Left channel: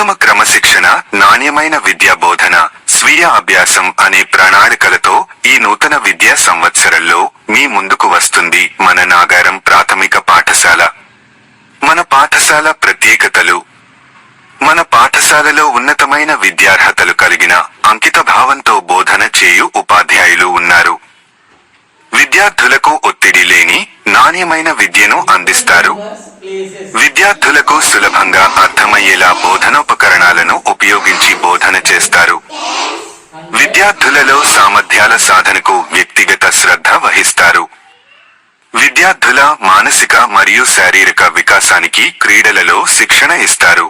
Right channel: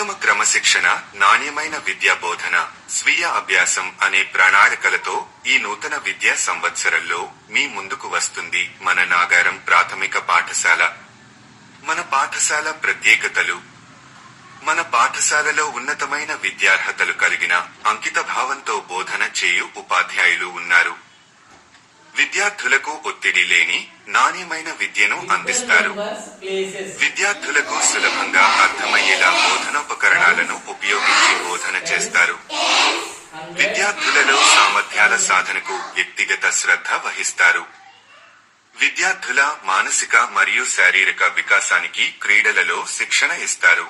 ఉత్తమ క్రమశిక్షణ, నాణ్యమైన విద్యా బోధన, స్వీయ అభ్యాసం అనే ప్రణాళికలతో ఈ నూతన విద్యా సంవత్సరంలో మీ ముందుకు వస్తుంది మన నాగారం ప్రాథమిక పాఠశాల. మన పాఠశాల ప్రత్యేకతలు. మన పాఠశాలలో ఉన్నతమైన విద్యార్హతలు కలిగిన, అంకిత భావంతో బోధన చేయు ఉపాధ్యాయులు ఉన్నారు. విద్యార్థులకు ఒత్తిడి లేని, నాణ్యమైన విద్యను అందిస్తారు. విద్యార్థులకు సులభంగా అర్థమయ్యేలా బోధనోపకరణాలను ఉపయోగించి బోధన చేస్తారు. విద్యార్థులలో సామర్థ్యాల సాధనకు వ్యక్తిగత శ్రద్ధ వహిస్తారు. విద్యార్థుల మానసిక మరియు శారీరక వికాసానికి క్రీడలలో శిక్షణ ఇస్తారు.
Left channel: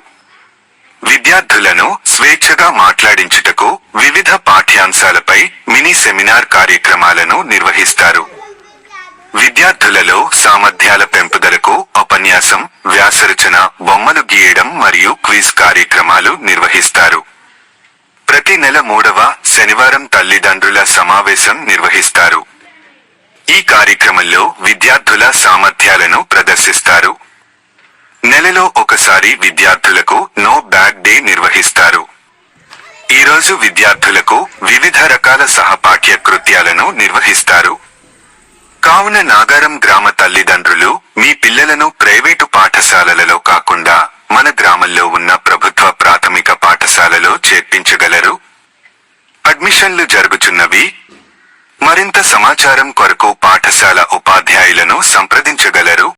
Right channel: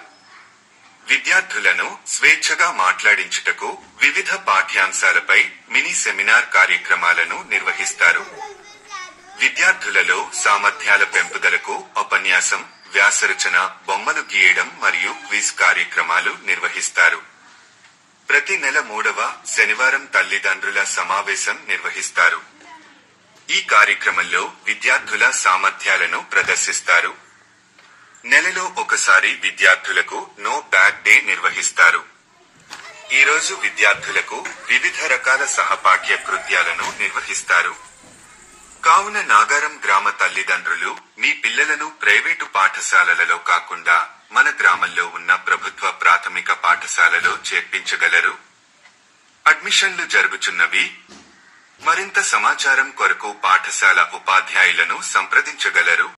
విద్యార్థులను స్వేచ్ఛగా మాట్లాడించుటకు వివిధ పాఠ్యాంశాలపై మినీ సెమినార్ కార్యక్రమాలను నిర్వహిస్తారు. విద్యార్థులలో సామర్థ్యాల పెంపుదలకు ఉపన్యాసం, వ్యాసరచన, బొమ్మలు గీయడం మరియు క్విజ్ కార్యక్రమాలు నిర్వహిస్తారు. ప్రతి నెల 3వ శనివారం తల్లిదండ్రుల సమావేశం నిర్వహిస్తారు. ఈ కార్యక్రమంలో విద్యార్థుల సామర్థ్యాలను ప్రదర్శిస్తారు. నెలలో ఒకసారి విద్యార్థులకు నో బ్యాడ్ డే నిర్వహిస్తారు. ఈరోజు విద్యార్థులకు వివిధ రకాల సహపాఠ్య కృత్యాలను నిర్వహిస్తారు. కావున నాగారం గ్రామ తల్లిదండ్రులు మీ పిల్లలను ప్రైవేటు పాఠశాలలలో కాకుండా మన గ్రామంలో ఉన్న ప్రభుత్వ ప్రాథమిక పాఠశాలలో చేర్పించగలరు. అడ్మిషన్లు జరుగుచున్నవి. మరింత సమాచారం కొరకు పాఠశాల ఉపాధ్యాయులను సంప్రదించగలరు.